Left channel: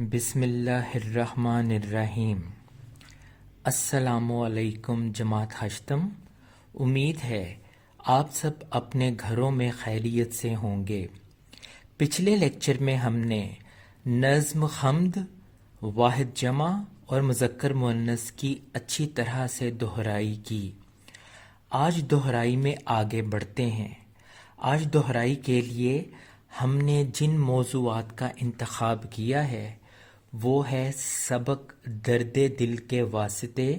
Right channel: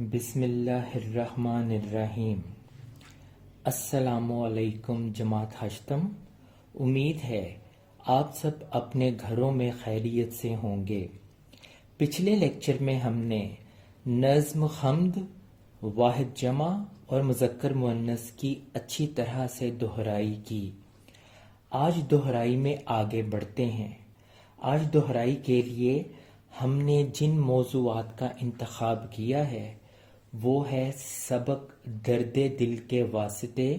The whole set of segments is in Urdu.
بسم اللہ الرحمن الرحیم۔ السلام علیکم جماعت ہشتم۔ امید ہے آپ سب اپنے گھروں میں خیریت سے ہوں گے۔ پچھلے لیکچر میں ہم نے نظم حمد، واحد جمع اور مذکر مؤنث کی اچھی طرح سے دہرائی کی۔ آج دہرائی میں آگے بڑھتے ہیں۔ آج دہرائی کے لیے ہم نے جن موضوعات کا انتخاب کیا ہے وہ ہے سبق درد دل کے واسطے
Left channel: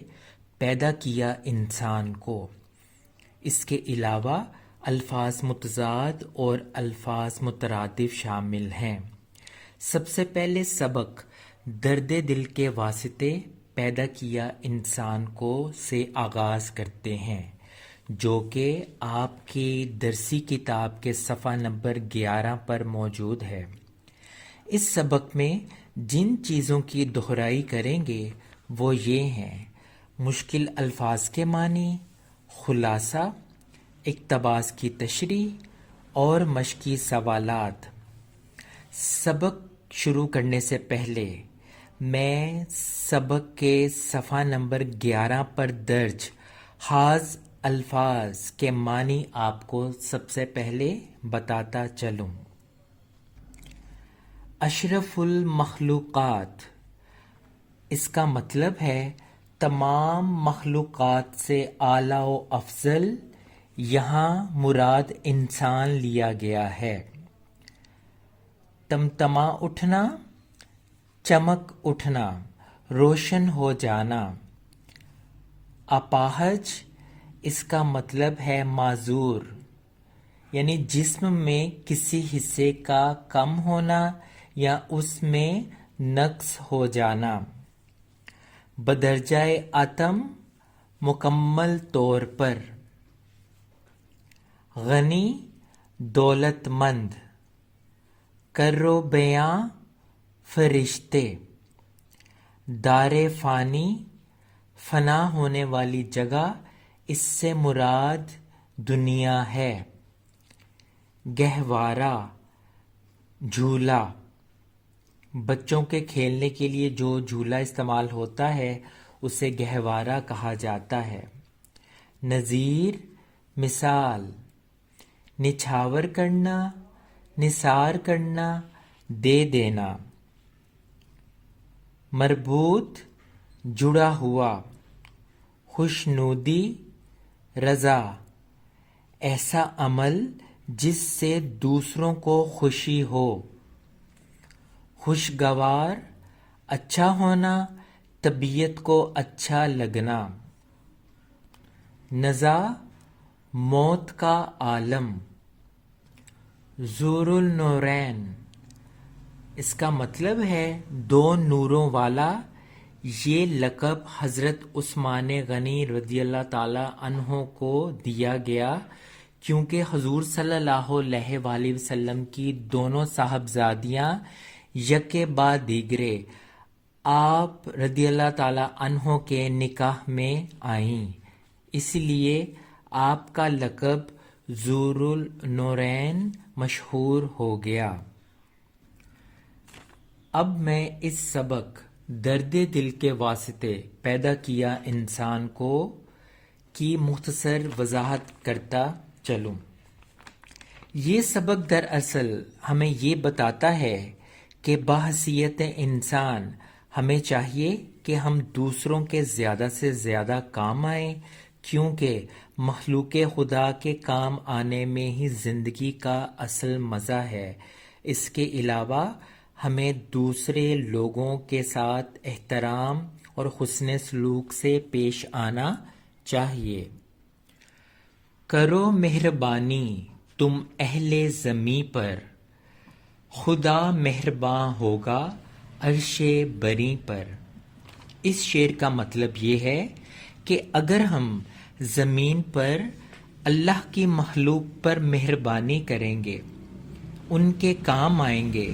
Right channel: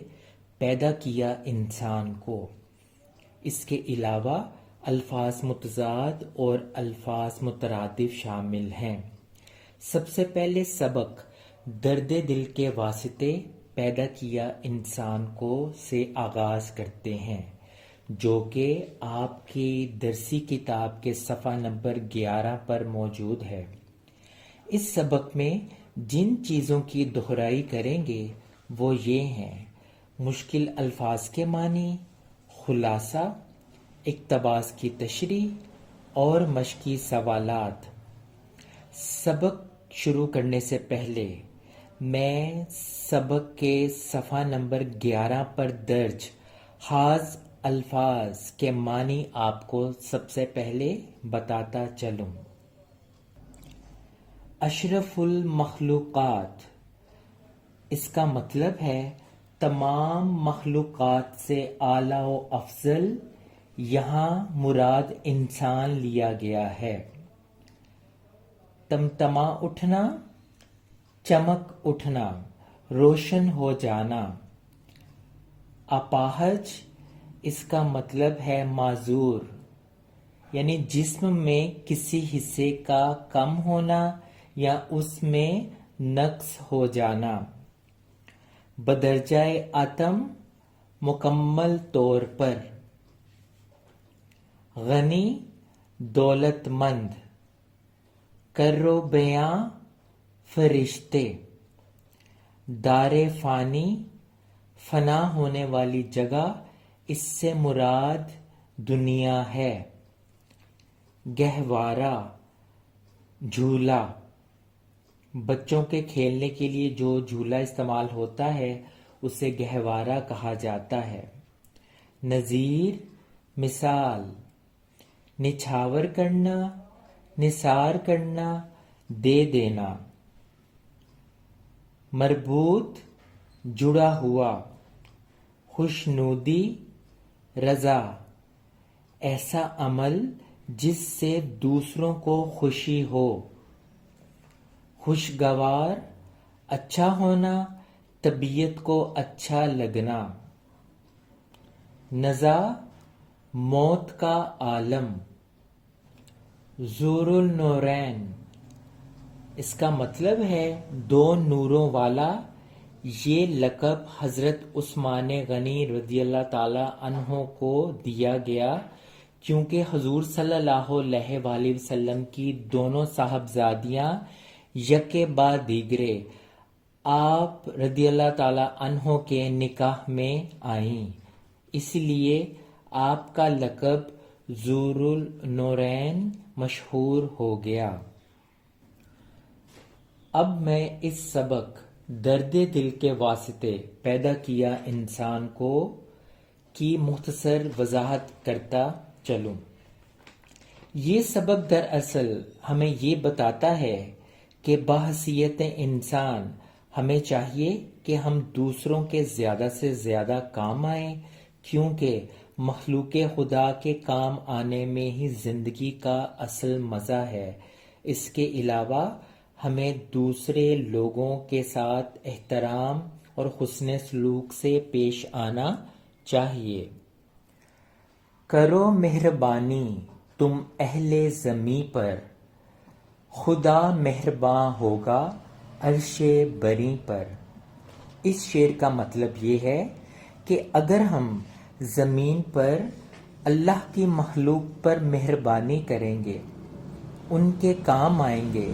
پیدا کیا انسان کو۔ اس کے علاوہ الفاظ متضاد اور الفاظ مترادف شامل ہیں۔ سب سے پہلے سبق درد دل کے واسطے پیدا کیا انسان کو سے آغاز کرتے ہیں، جو کہ آپ کی درسی کتاب کے صفحہ نمبر 11 پر موجود ہے۔ اس سبق میں جن چیزوں کی دہرائی کریں گے وہ یہ ہیں: مشکل الفاظ کے معنی، خلاصہ، اقتباس کی تشریح اور مشقی سوالات۔ سبق شروع کرنے سے پہلے میں سبق کے صفحہ نمبر 11 پر درج حاض الفاظ کے معنی آپ کو سب سے پہلے بتاتا چلوں۔ اشرف المخلوقات، اس کا مطلب ہے تمام مخلوقات سے اعلیٰ و افضل۔ یہاں مراد انسان لیا گیا ہے۔ تمتما اٹھنا، چمک اٹھنا، روشن ہو جانا۔ اپاہج، اس کا مطلب ہے معذور، یعنی جسم میں کسی حصے کا کم ہونا یا اس میں نقص ہو جانا۔ بدرجہ اتم، مکمل طور پر۔ غنی، دولت مند۔ کرو بیاں، فرشتے۔ دار فانی، فنا ہونے والی جگہ، اس سے مراد دنیا ہے۔ گہوارہ، جھولا۔ بچوں کے کھیلنے کے لیے جو جھولا استعمال ہوتا ہے اسے گہوارہ کہا جاتا ہے۔ نظیر، مثال۔ نچھاور کرنا، نثار کرنا، دے دینا۔ مربوط، جڑا ہوا۔ خوشنودی، رضا، ایسا عمل جس سے دوسروں کو خوشی ہو۔ خوشگوار، اچھا ہونا، طبیعت کو اچھا لگنا۔ نزا، موت کا عالم۔ ذو النورین، اس کا مطلب ہے دو نوروں والا۔ یہ لقب حضرت عثمان غنی رضی اللہ تعالی عنہ کو دیا گیا کیونکہ حضور صلی اللہ علیہ وآلہ وسلم کی دونوں صاحبزادیاں یکے بعد دیگرے آپ رضی اللہ تعالی عنہ کے نکاح میں آئیں، اس لیے آپ کا لقب ذو النورین مشہور ہو گیا۔ اب میں اس سبق درد دل کے واسطے پیدا کیا انسان کو کی مختصر وضاحت کرتا چلوں۔ یہ سبق دراصل ہمیں یہ بتاتا ہے کہ بحیثیت انسان ہمیں چاہیے کہ ہم دوسروں کے زیادہ سے زیادہ کام آئیں، کیونکہ مخلوق خدا کے کام آنے میں ہی زندگی کا اصل مزہ ہے۔ اس کے علاوہ ہمیں دوسرے لوگوں کے ساتھ احترام اور حسن سلوک سے پیش آنا چاہیے۔ کرو مہربانی تم اہل زمیں پر، خدا مہرباں ہوگا عرش بری پر۔ اس شعر کا مطلب یہ ہے کہ اگر ہم زمین پر اللہ کی مخلوق پر مہربانی کریں گے، ان کے کام آئیں گے،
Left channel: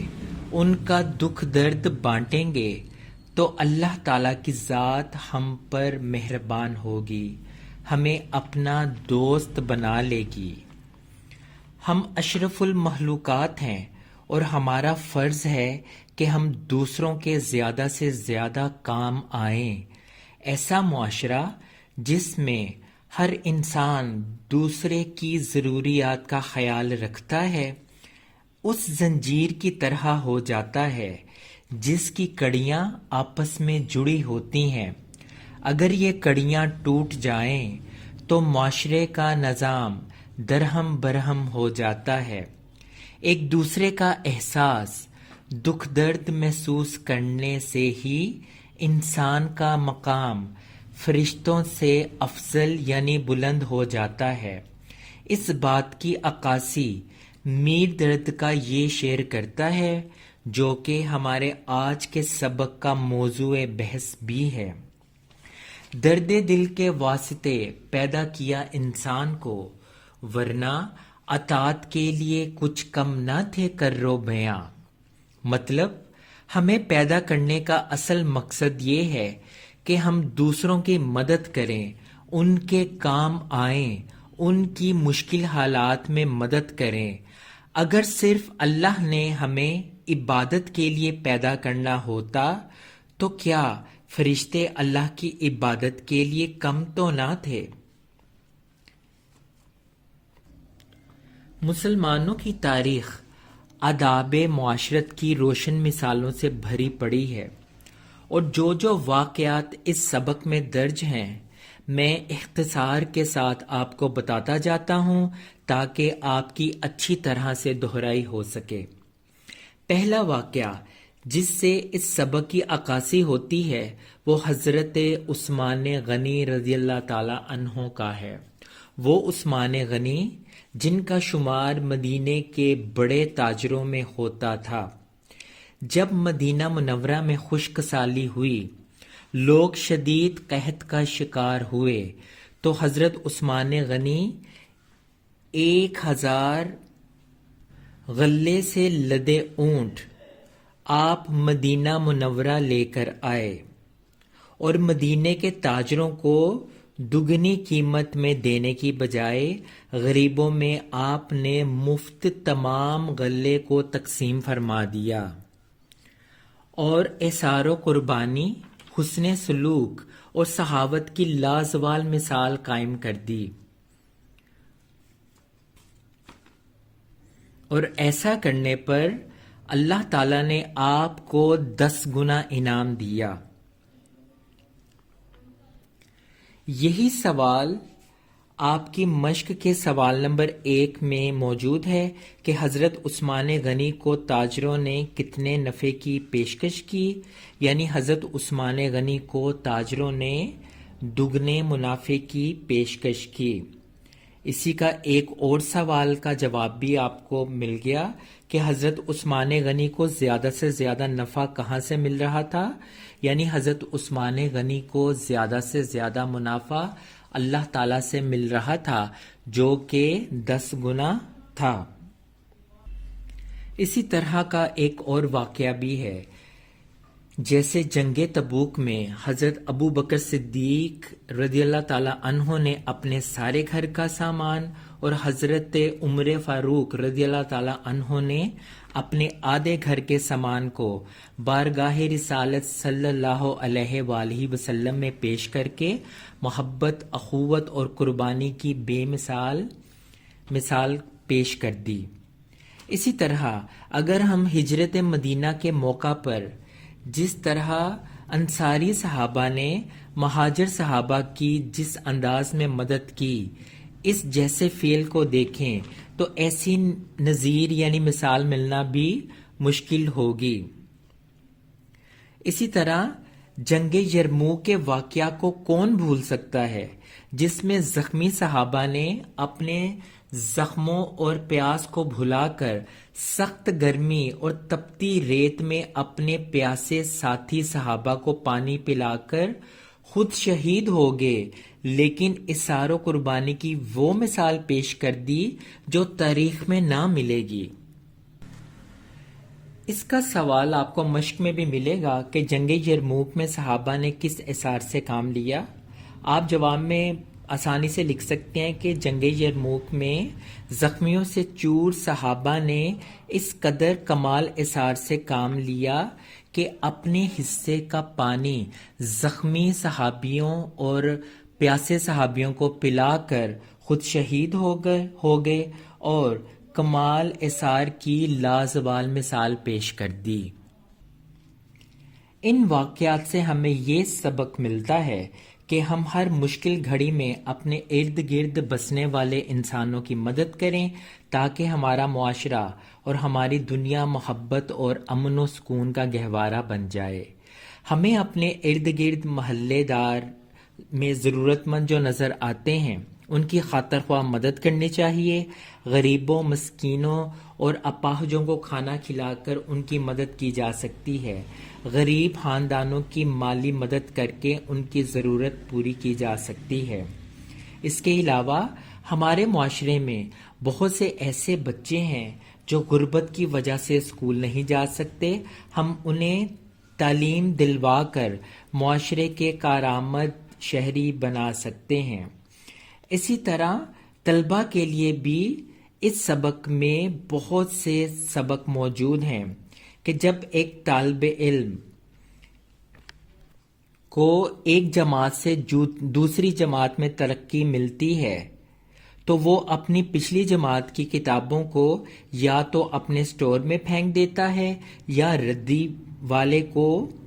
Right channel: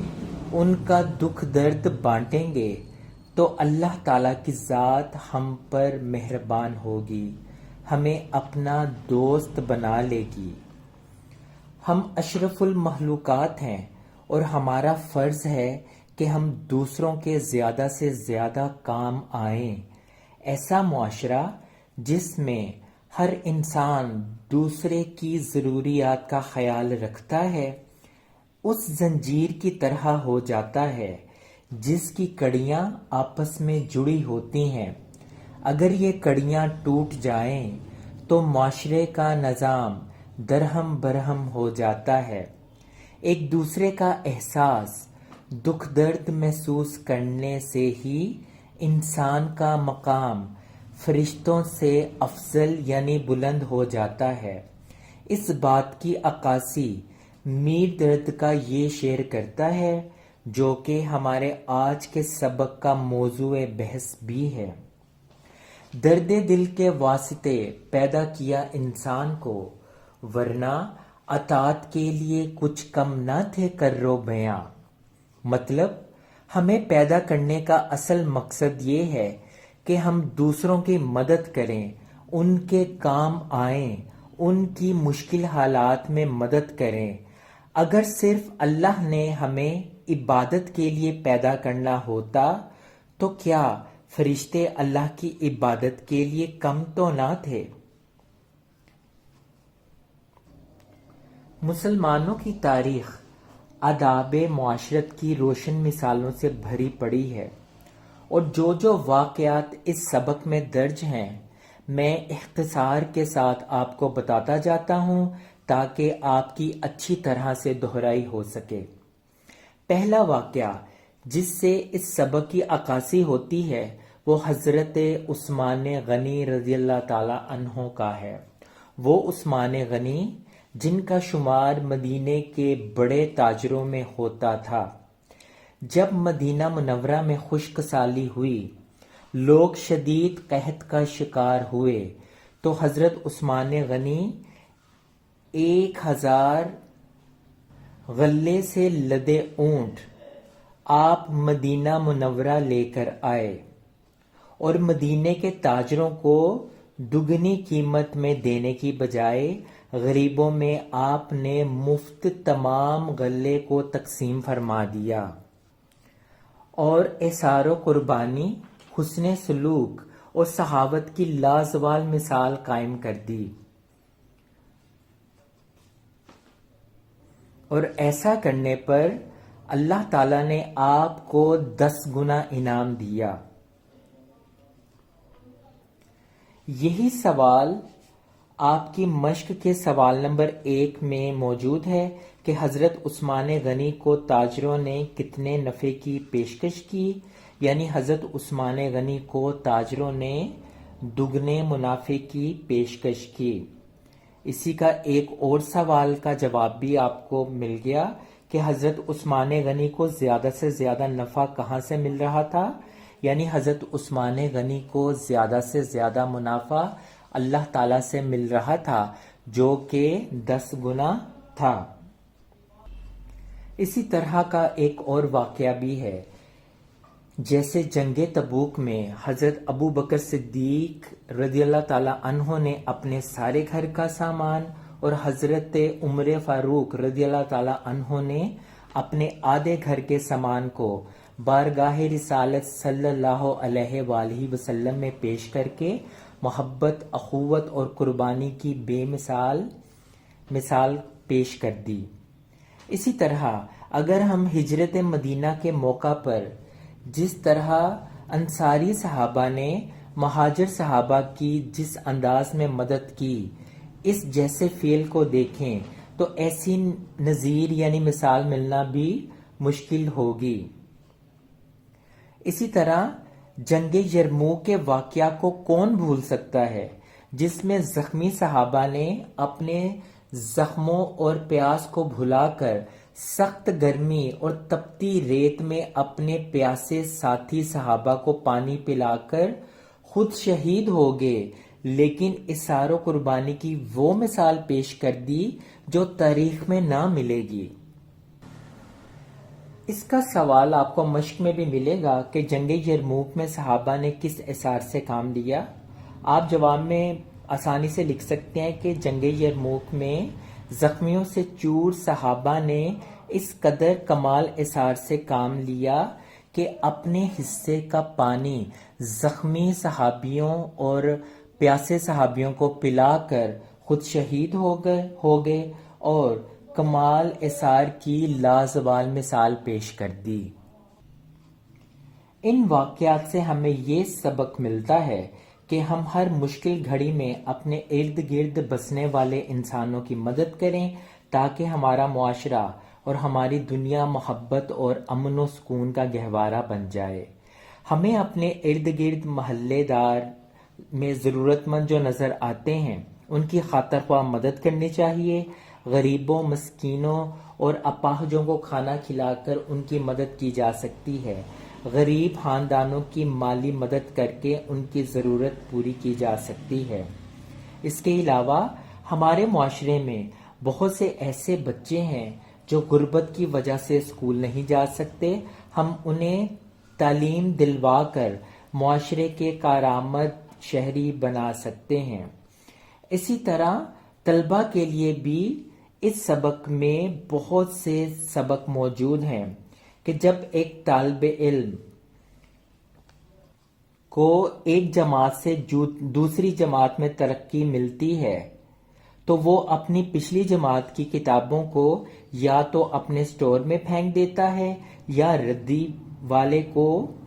ان کا دکھ درد بانٹیں گے، تو اللہ تعالیٰ کی ذات ہم پر مہربان ہوگی، ہمیں اپنا دوست بنا لے گی۔ ہم اشرف المخلوقات ہیں اور ہمارا فرض ہے کہ ہم دوسروں کے زیادہ سے زیادہ کام آئیں، ایسا معاشرہ جس میں ہر انسان دوسرے کی ضروریات کا خیال رکھتا ہے اس زنجیر کی طرح ہو جاتا ہے جس کی کڑیاں آپس میں جڑی ہوتی ہیں۔ اگر یہ کڑیاں ٹوٹ جائیں تو معاشرے کا نظام درہم برہم ہو جاتا ہے۔ ایک دوسرے کا احساس، دکھ درد محسوس کرنے سے ہی انسان کا مقام فرشتوں سے افضل یعنی بلند ہو جاتا ہے۔ اس بات کی عکاسی میر درد کا یہ شعر کرتا ہے جو کہ ہمارے آج کے سبق کا موضوع بحث بھی ہے۔ درد دل کے واسطے پیدا کیا انسان کو، ورنہ اطاعت کے لیے کچھ کم نہ تھے کرو بیاں۔ مطلب ہمیں پیدا کرنے کا اصل مقصد یہ ہے کہ ہم دوسروں کی مدد کریں، ان کے کام آئیں، ان کی مشکل حالات میں مدد کریں۔ اگر صرف اللہ نے ہمیں عبادت کے لیے پیدا کرنا ہوتا تو کیا فرشتے اللہ کی عبادت کے لیے کم تو نہ تھے؟ مسلمانوں کی تاریخ آداب معاشرت کی روشن مثالوں سے بھری پڑی ہے، اور جو واقعات اس سبق میں درج ہیں میں اختصار کے ساتھ آپ کو بتاتا جاتا ہوں تاکہ آپ کی اچھی طرح سے دہرائی ہو سکے۔ پہلا واقعہ جس سے اس سبق کی عکاسی ہوتی ہے وہ حضرت عثمان غنی رضی اللہ تعالی عنہ کا ہے۔ وہ عثمان غنی جن کا شمار مدینے کے بڑے تاجروں میں ہوتا تھا۔ جب مدینہ منورہ میں خشک سالی ہوئی، لوگ شدید قحط کا شکار ہوئے تو حضرت عثمان غنی 1000 غلے سے لدے اونٹ آپ مدینہ منورہ لے کر آئے اور مدینے کے تاجروں کو دگنی قیمت میں دینے کی بجائے غریبوں میں آپ نے مفت تمام غلے کو تقسیم فرما دیا اور احسار و قربانی، حسن سلوک اور سخاوت کی لازوال مثال قائم کر دی۔ اور ایسا کرنے پر اللہ تعالیٰ نے آپ کو 10 گنا انعام دیا۔ یہی سوال آپ کی مشق کے سوال نمبر 1 میں موجود ہے کہ حضرت عثمان غنی کو تاجروں نے کتنے نفع کی پیشکش کی، یعنی حضرت عثمان غنی کو تاجروں نے دگنے منافع کی پیشکش کی۔ اسی کا ایک اور سوال کا جواب بھی آپ کو مل گیا کہ حضرت عثمان غنی کو زیادہ سے زیادہ نفع کہاں سے مل رہا تھا، یعنی حضرت عثمان غنی کو زیادہ سے زیادہ منافع اللہ تعالیٰ سے مل رہا تھا جو کہ 10 گنا تھا۔ اسی طرح کا ایک اور واقعہ بھی ہے، جیسے جنگ تبوک میں حضرت ابو بکر صدیق رضی اللہ تعالیٰ عنہ نے اپنے سارے گھر کا سامان اور حضرت عمر فاروق رضی اللہ تعالیٰ عنہ نے اپنے آدھے گھر کے سامان کو بارگاہ رسالت صلی اللہ علیہ وآلہ وسلم میں پیش کر کے محبت، اخوت اور قربانی کی بے مثال پیش کر دی۔ اسی طرح اگر ہم ہجرت مدینہ کے موقع پر جس طرح انصاری صحابہ نے مہاجر صحابہ کی جس انداز میں مدد کی، اس جیسے فعل کو دیکھیں تو ایسی نظیر یعنی مثال ملنا بھی مشکل ہوگی۔ اسی طرح جنگ یرموک کے واقعہ کو کون بھول سکتا ہے، جس میں زخمی صحابہ نے اپنے زخموں اور پیاس کو بھلا کر سخت گرمی اور تپتی ریت میں اپنے پیاسے ساتھی صحابہ کو پانی پلا کر خود شہید ہو گئے، لیکن اثار و قربانی کی وہ مثال پیش کر دی جو تاریخ میں نہ ملے گی۔ اس کا سوال آپ کو مشق میں بھی ملے گا کہ جنگ یرموک میں صحابہ نے کس اثار سے کام لیا۔ آپ جواب میں آسانی سے لکھ سکتے ہیں کہ جنگ یرموک میں زخمیوں سے چور صحابہ نے اس قدر کمال اثار سے کام لیا کہ اپنے حصے کا پانی زخمی صحابیوں اور پیاسے صحابیوں کو پلا کر خود شہید ہو گئے اور کمال اثار کی لازوال مثال پیش کر دی۔ ان واقعات سے ہمیں یہ سبق ملتا ہے کہ ہم ہر مشکل گھڑی میں اپنے ارد گرد بسنے والے انسانوں کی مدد کریں تاکہ ہمارا معاشرہ اور ہماری دنیا محبت اور امن و سکون کا گہوارہ بن جائے۔ ہمیں اپنے ارد گرد محلے دار میں ضرورت مند جو نظر آتے ہیں ان کی خاطر خواہ مدد کرنی چاہیے۔ غریبوں، مسکینوں اور اپاہجوں کو کھانا کھلا کر ان کی مدد کی جا سکتی ہے۔ غریب خاندانوں کی مالی مدد کر کے ان کی ضرورت پوری کی جا سکتی ہے۔ اس کے علاوہ ہمارے معاشرے میں بہت سے ایسے بچے ہیں جو غربت کی وجہ سے اسکول نہیں جا سکتے۔ ہم انہیں تعلیم دلوا کر معاشرے کے کارآمد شہری بنا سکتے ہیں۔ اسی طرح طلبہ کے لیے بھی اس سبق میں بہت سے سبق موجود ہیں کہ جب ایک طالب علم کو ایک جماعت سے دوسری جماعت میں ترقی ملتی ہے تو وہ اپنی پچھلی جماعت کی کتابوں کو یا تو اپنے سٹور میں پھینک دیتا ہے یا ردی والے کو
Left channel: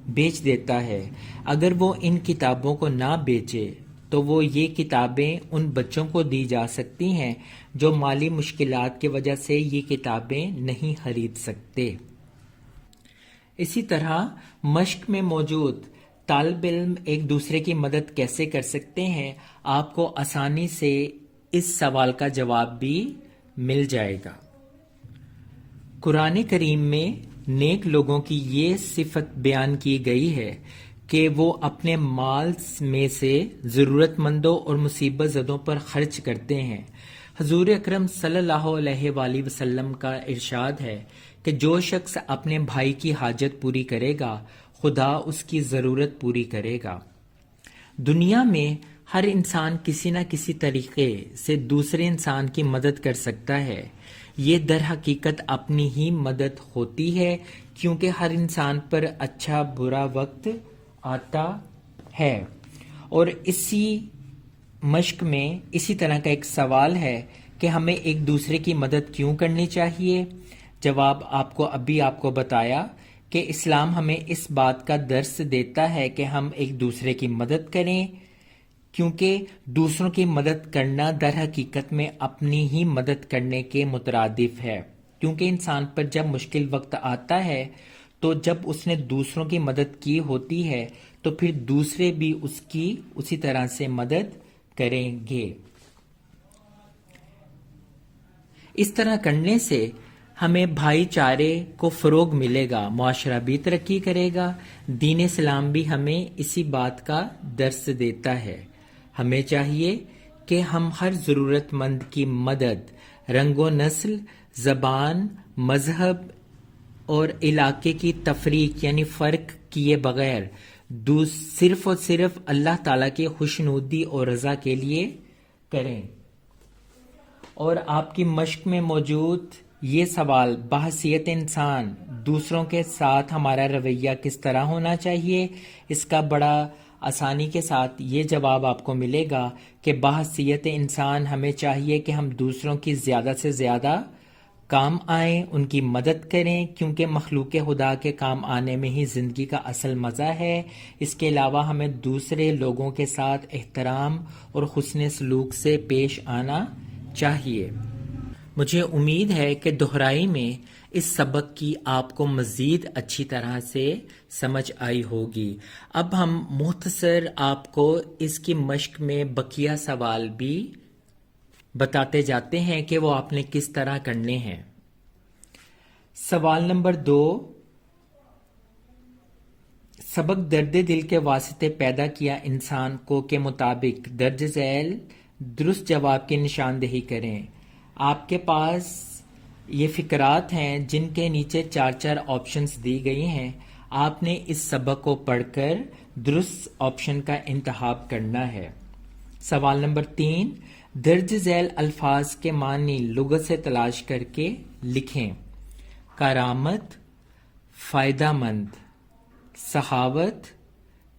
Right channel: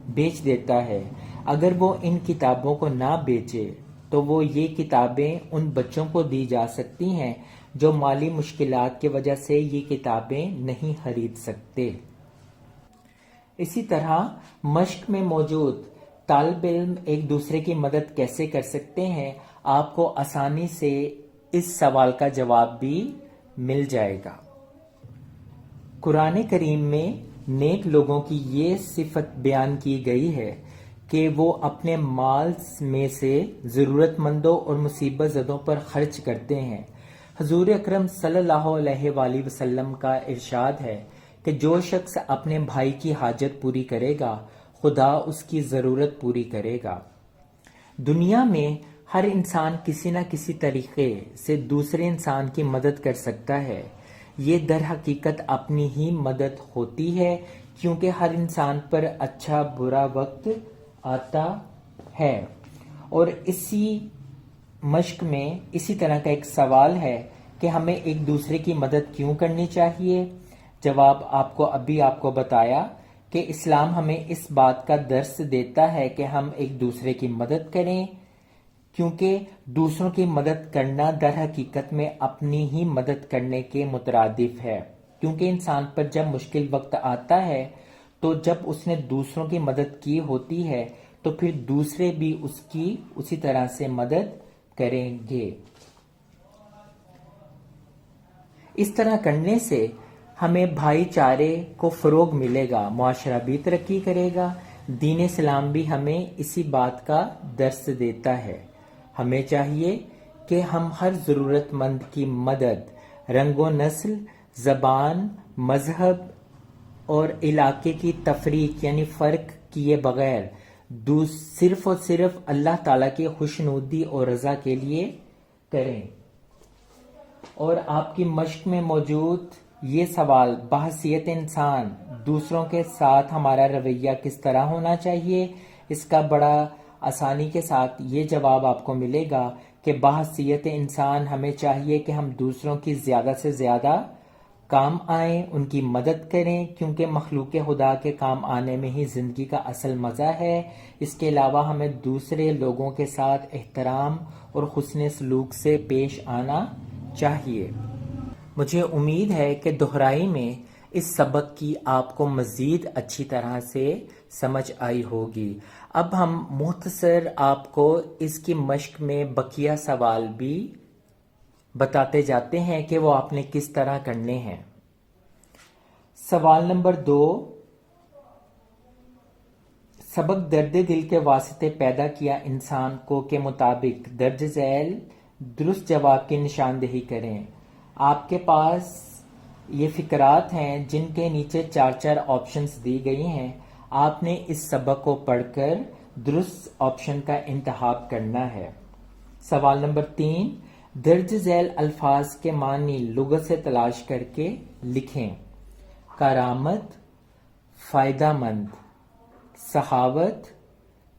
بیچ دیتا ہے۔ اگر وہ ان کتابوں کو نہ بیچے تو وہ یہ کتابیں ان بچوں کو دی جا سکتی ہیں جو مالی مشکلات کی وجہ سے یہ کتابیں نہیں خرید سکتے۔ اسی طرح مشق میں موجود طالب علم ایک دوسرے کی مدد کیسے کر سکتے ہیں، آپ کو آسانی سے اس سوال کا جواب بھی مل جائے گا۔ قرآن کریم میں نیک لوگوں کی یہ صفت بیان کی گئی ہے کہ وہ اپنے مال میں سے ضرورت مندوں اور مصیبت زدوں پر خرچ کرتے ہیں۔ حضور اکرم صلی اللہ علیہ وآلہ وسلم کا ارشاد ہے کہ جو شخص اپنے بھائی کی حاجت پوری کرے گا خدا اس کی ضرورت پوری کرے گا۔ دنیا میں ہر انسان کسی نہ کسی طریقے سے دوسرے انسان کی مدد کر سکتا ہے۔ یہ در حقیقت اپنی ہی مدد ہوتی ہے کیونکہ ہر انسان پر اچھا برا وقت آتا ہے۔ اور اسی مشق میں اسی طرح کا ایک سوال ہے کہ ہمیں ایک دوسرے کی مدد کیوں کرنی چاہیے؟ جواب آپ کو بتایا کہ اسلام ہمیں اس بات کا درس دیتا ہے کہ ہم ایک دوسرے کی مدد کریں کیونکہ دوسروں کی مدد کرنا در حقیقت میں اپنی ہی مدد کرنے کے مترادف ہے، کیونکہ انسان پر جب مشکل وقت آتا ہے تو جب اس نے دوسروں کی مدد کی ہوتی ہے تو پھر دوسرے بھی اس کی اسی طرح سے مدد کریں گے۔ اس طرح کرنے سے ہمیں بھائی چارے کو فروغ ملے گا، معاشرہ بھی ترقی کرے گا۔ دین اسلام بھی ہمیں اسی بات کا درس دیتا ہے۔ ہمیں چاہیے کہ ہم ہر ضرورت مند کی مدد رنگ و نسل، زبان، مذہب اور علاقے کی تفریق یعنی فرق کیے بغیر صرف اور صرف اللہ تعالیٰ کی خوشنودی اور رضا کے لیے کریں۔ اور آپ کی مشق میں موجود یہ سوال بحیثیت انسان دوسروں کے ساتھ ہمارا رویہ کس طرح ہونا چاہیے، اس کا بڑا آسانی کے ساتھ یہ جواب آپ کو ملے گا کہ بحیثیت انسان ہمیں چاہیے کہ ہم دوسروں کی زیادہ سے زیادہ کام آئیں، ان کی مدد کریں، کیونکہ مخلوق خدا کے کام آنے میں ہی زندگی کا اصل مزہ ہے۔ اس کے علاوہ ہمیں دوسرے لوگوں کے ساتھ احترام اور حسن سلوک سے پیش آنا چاہیے۔ مجھے امید ہے کہ دہرائی میں اس سبق کی آپ کو مزید اچھی طرح سے سمجھ آئی ہوگی۔ اب ہم مختصر آپ کو اس کی مشق میں بقیہ سوال بھی بتاتے جاتے ہیں کہ وہ آپ نے کس طرح کرنے ہیں۔ سوال نمبر 2، سبق درد دل کے واسطے پیدا کیا انسان کو کے مطابق درج ذیل درست جواب کی نشاندہی کریں۔ آپ کے پاس یہ فقرات ہیں جن کے نیچے 4 آپشنز دی گئی ہیں۔ آپ نے اس سبق کو پڑھ کر درست آپشن کا انتخاب کرنا ہے۔ سوال نمبر 3، درج ذیل الفاظ کے معنی لغت سے تلاش کر کے لکھیں۔ کرامت، فائدہ مند، سخاوت،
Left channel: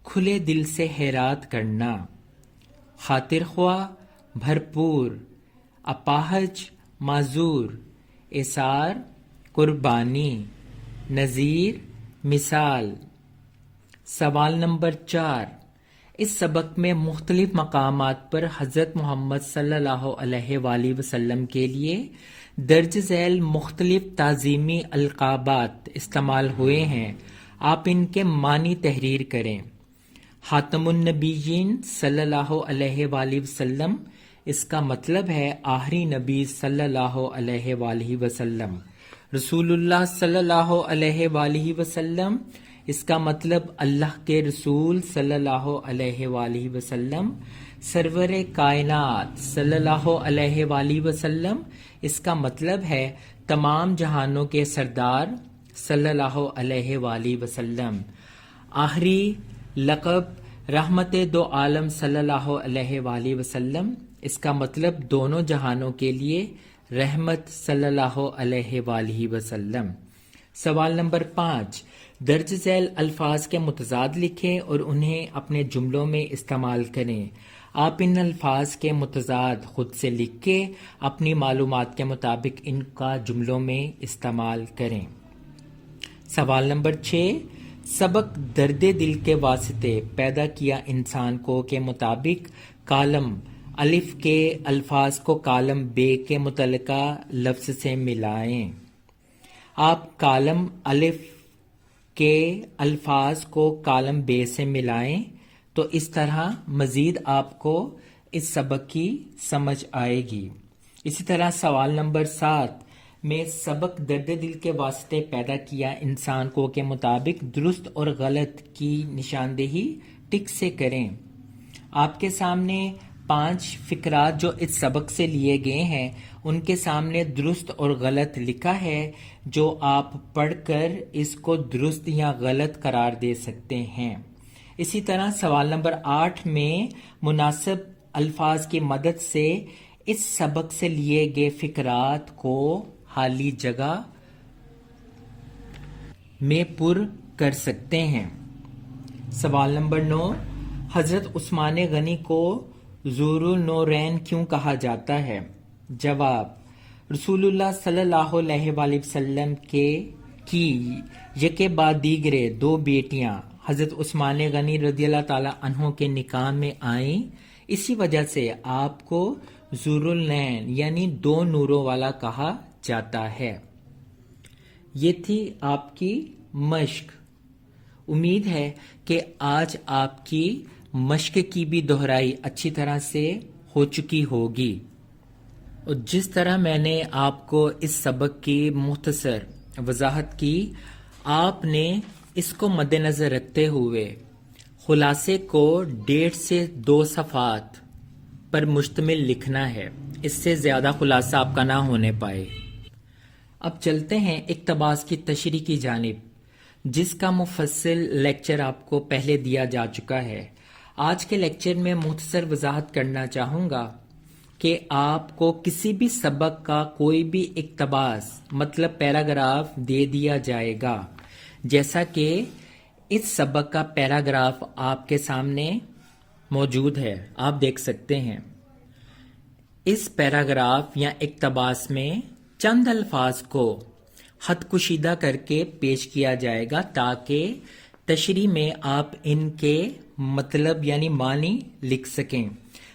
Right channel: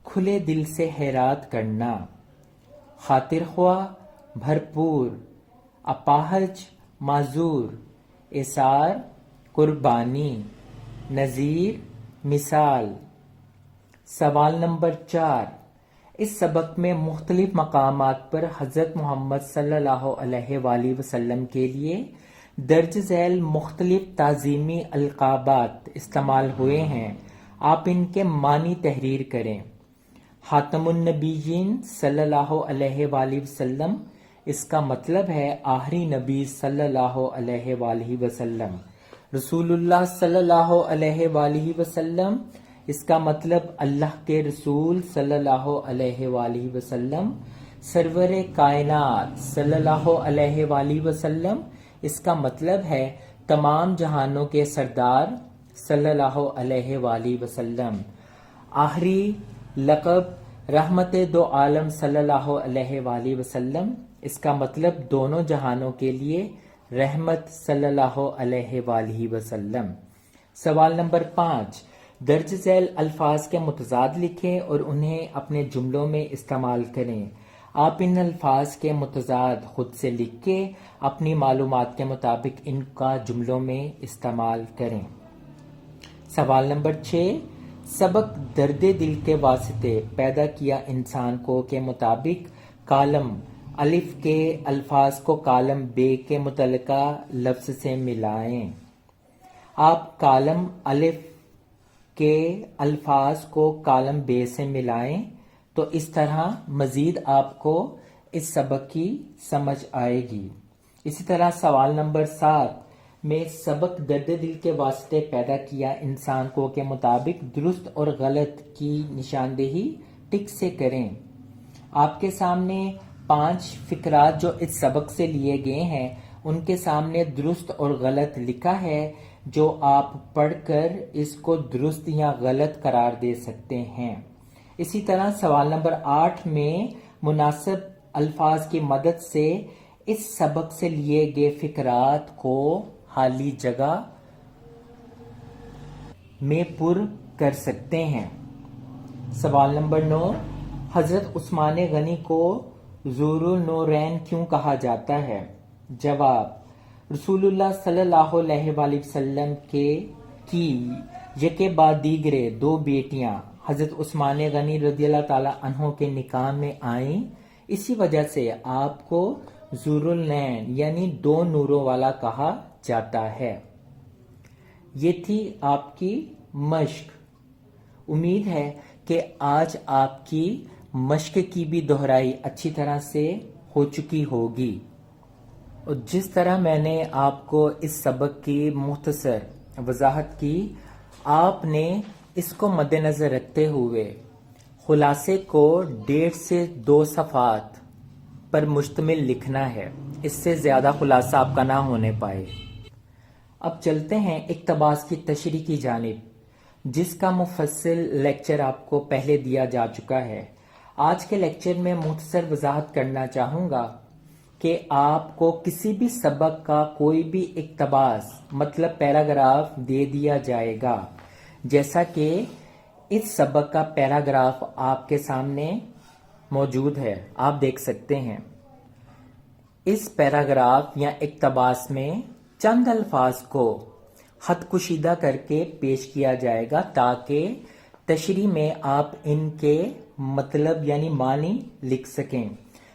کھلے دل سے خیرات کرنا، خاطر خواہ، بھرپور، اپاہج، معذور، ایثار، قربانی، نظیر، مثال۔ سوال نمبر 4، اس سبق میں مختلف مقامات پر حضرت محمد صلی اللہ علیہ وآلہ وسلم کے لیے درج ذیل مختلف تعظیمی القابات استعمال ہوئے ہیں، آپ ان کے معنی تحریر کریں۔ خاتم النبیین صلی اللہ علیہ وآلہ وسلم، اس کا مطلب ہے آخری نبی صلی اللہ علیہ وآلہ وسلم۔ رسول اللہ صلی اللہ علیہ وآلہ وسلم، اس کا مطلب اللہ کے رسول صلی اللہ علیہ وآلہ وسلم۔ سرور کائنات صلی اللہ علیہ وآلہ وسلم، اس کا مطلب ہے تمام جہانوں کے سردار صلی اللہ علیہ وآلہ وسلم۔ آخری لقب رحمت دو عالم صلی اللہ علیہ وآلہ وسلم، اس کا مطلب دونوں جہانوں کے لیے رحمت صلی اللہ علیہ وآلہ وسلم۔ سوال نمبر 5، درج ذیل الفاظ کے متضاد لکھیں اور انہیں اپنے جملوں میں استعمال کریں۔ آپ ان الفاظ کے متضاد خود سے لکھ کے اپنی معلومات کے مطابق ان کا جملوں میں استعمال کریں۔ سوال نمبر 6، سبق درد دل کے واسطے پیدا کیا انسان کو کے مطابق کالم الف کے الفاظ کو کالم بے کے متعلقہ لفظ سے ملائیں۔ آپ کالم الف کے الفاظ کو کالم بے سے ملائیں تو اس طرح مزید آپ کو اس سبق کی سمجھ آئے گی۔ اسی طرح سوال نمبر 7 میں سبق درد دل کے واسطے پیدا کیا انسان کو کے مطابق درست اور غلط کی نشاندہی ٹک سے کریں۔ آپ کے سامنے 5 فقرات جو اس سبق سے لیے گئے ہیں ان کے سامنے درست اور غلط لکھا ہے، جو آپ پڑھ کر اس کو درست یا غلط قرار دے سکتے ہیں۔ اسی طرح سوال نمبر 8 میں مناسب الفاظ کی مدد سے اس سبق سے لیے گئے فقرات کو خالی جگہ میں پر کر سکتے ہیں۔ سوال نمبر 9، حضرت عثمان غنی کو ذو النورین کیوں کہا جاتا ہے؟ جواب، رسول اللہ صلی اللہ علیہ وآلہ وسلم کی یکے بعد دیگرے 2 بیٹیاں حضرت عثمان غنی رضی اللہ تعالی عنہ کے نکاح میں آئیں، اسی وجہ سے آپ کو ذو النورین یعنی 2 نوروں والا کہا جاتا ہے۔ یہ تھی آپ کی مشق۔ امید ہے کہ آج آپ کی مشق کی بھی دہرائی اچھی طرح سے ہو چکی ہوگی، اور جس طرح میں نے آپ کو اس سبق کی مختصر وضاحت کی، آپ نے اس کو مد نظر رکھتے ہوئے خلاصے کو 1.5 سے 2 صفحات پر مشتمل لکھنا ہے، اس سے زیادہ خلاصہ آپ کا نہ ہونے پائے۔ اب چلتے ہیں اقتباس کی تشریح کی جانب، جس کا مفصل لیکچر آپ کو پہلے دیا جا چکا ہے۔ آج کے لیکچر میں مختصر وضاحت کرنا چاہوں گا کہ آپ کو کسی بھی سبق کا کوئی بھی اقتباس مطلب پیراگراف دے دیا جائے گا، جیسا کہ اس سبق کا پیراگراف آپ کے سامنے موجود ہے، آپ دیکھ سکتے ہیں۔ اس پیراگراف یا اقتباس میں چند الفاظ کو خط کشیدہ کر کے پیش کیا جائے گا تاکہ تشریح میں آپ ان کے مطلب یعنی معنی لکھ سکیں۔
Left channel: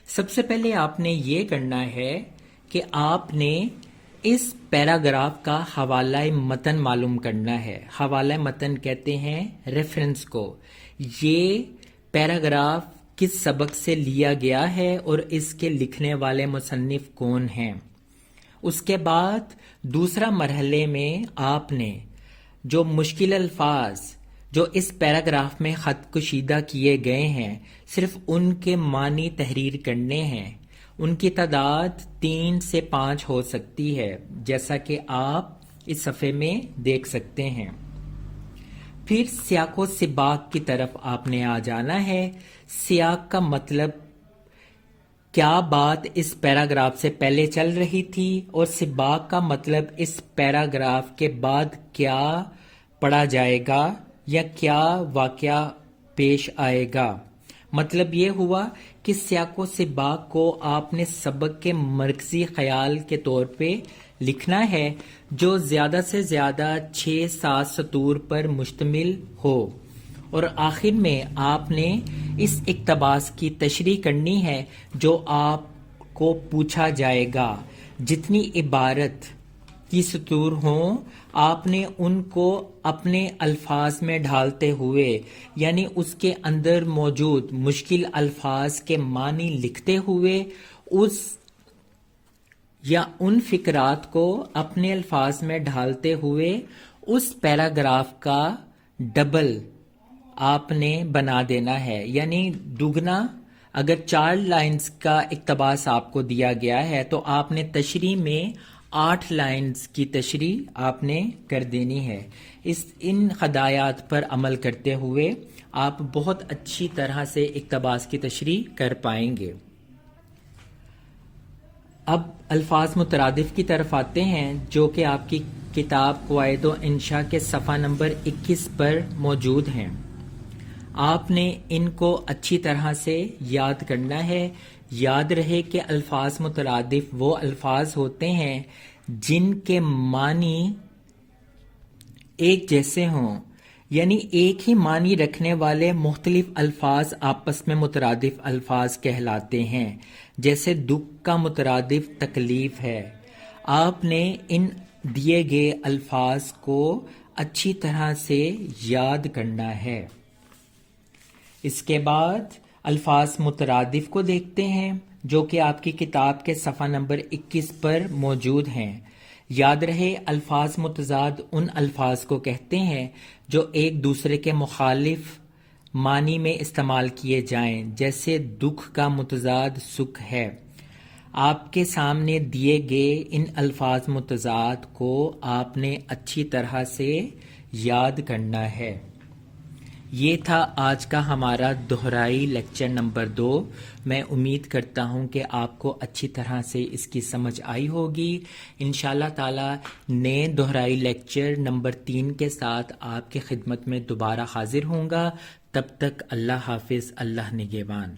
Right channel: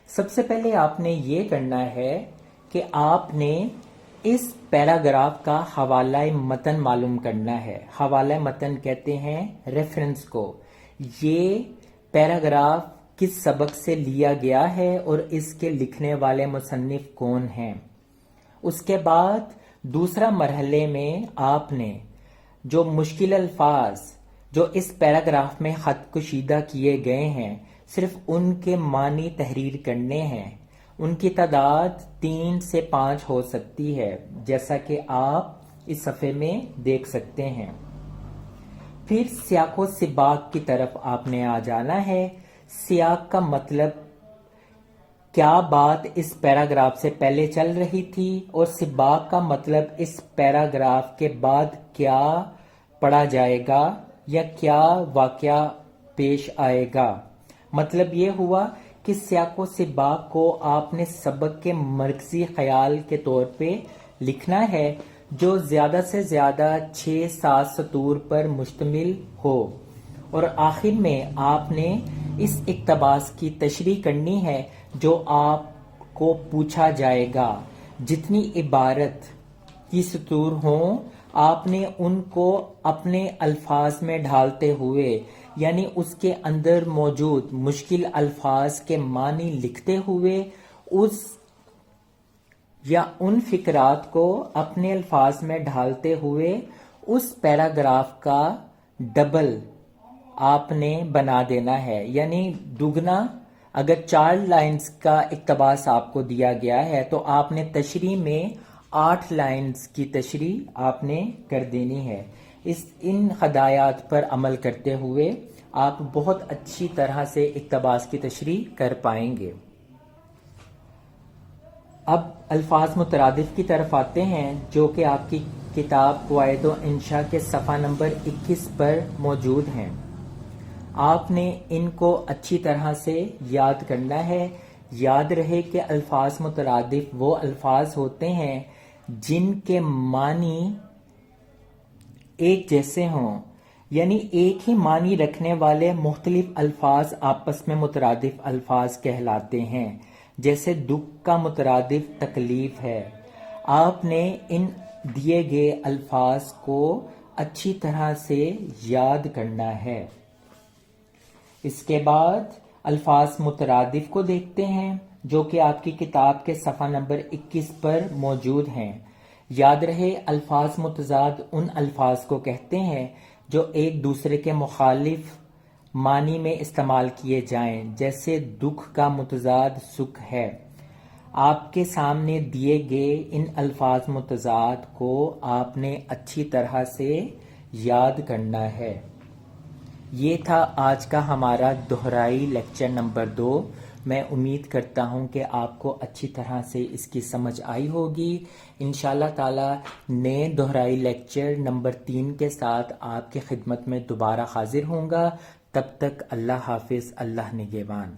سب سے پہلے آپ نے یہ کرنا ہے کہ آپ نے اس پیراگراف کا حوالہ متن معلوم کرنا ہے۔ حوالہ متن کہتے ہیں ریفرنس کو۔ یہ پیراگراف کس سبق سے لیا گیا ہے اور اس کے لکھنے والے مصنف کون ہیں۔ اس کے بعد دوسرا مرحلے میں آپ نے جو مشکل الفاظ جو اس پیراگراف میں خط کشیدہ کیے گئے ہیں صرف ان کے معنی تحریر کرنے ہیں۔ ان کی تعداد 3 سے 5 ہو سکتی ہے، جیسا کہ آپ اس صفحے میں دیکھ سکتے ہیں۔ پھر سیاق و سباق کی طرف آپ نے آ جانا ہے۔ سیاق کا مطلب کیا بات اس پیراگراف سے پہلے چل رہی تھی اور سباق کا مطلب اس پیراگراف کے بعد کیا پڑھا جائے گا یا کیا واقعہ پیش آئے گا؟ مطلب یہ ہوا کہ سیاق و سباق کو آپ نے سبق کے مرکزی خیال کے طور پہ لکھنا ہے جو زیادہ سے زیادہ 6-7 سطور پر مشتمل ہو، اور آخر میں آپ نے اس اقتباس کی تشریح کرنی ہے جو آپ کو پوچھا جائے گا۔ جتنی عبارت کی سطور ہوں آپ نے ان کو اپنے الفاظ میں ڈھالتے ہوئے، یعنی اس کے اندر موجود مشکل الفاظ کے معنی لکھتے ہوئے اس یا ان فقرات کو اپنے الفاظ میں ڈھالتے ہوئے اس پیراگراف کا ڈبل آپ نے بنا دینا ہے، یعنی دگنا۔ اگر 4 لائنز کا اقتباس آپ کو دیا گیا ہے تو آپ نے تشریح میں 8 لائنز کی تشریح آپ نے کر دینی ہے۔ ان ہدایات پر عمل کرتے ہوئے آپ بہت اچھی طرح سے اقتباس کی تشریح کر پائیں گے۔ اب الفاظ مترادف کی طرف آتے ہیں جو کہ آپ کی کتاب قواعد و انشاء کے صفحہ نمبر 21 پر موجود ہیں۔ آپ نے ان کو اچھی طرح سے یاد کرنا ہے۔ یاد رہے کہ الفاظ مترادف وہ الفاظ ہوتے ہیں جن کے معنی ایک جیسے ہوں، یعنی ایک ہی معنی رکھنے والے مختلف الفاظ آپس میں مترادف الفاظ کہلاتے ہیں۔ جیسے دکھ کا مترادف تکلیف ہے۔ آپ نے ان دیے گئے الفاظ کو اچھی طرح سے یاد کرنا ہے۔ اس کے بعد الفاظ مترادف کو دیکھتے ہیں جو کہ آپ کی کتاب کے صفحہ نمبر 21 پر موجود ہیں۔ یاد رہے الفاظ متضاد ان الفاظ کو کہتے ہیں جو ایک دوسرے کے مخالف معنی میں استعمال کیے جائیں، جیسے دکھ کا متضاد سکھ ہے۔ آپ کے سامنے دیے گئے ان الفاظ متضاد کو آپ نے اچھی طرح سے یاد کرنا ہے۔ یہ تھا آج کا ہمارا دہرائی لیکچر نمبر 2۔ میں امید کرتا ہوں کہ آپ کو اچھی طرح سے اس کی سمجھ آئی ہوگی۔ انشاءاللہ تعالی نئے دہرائی لیکچر نمبر 3 کے ساتھ آپ کی خدمت میں دوبارہ حاضر ہوں گا۔ تب تک اللہ حافظ، اللہ نگہبان۔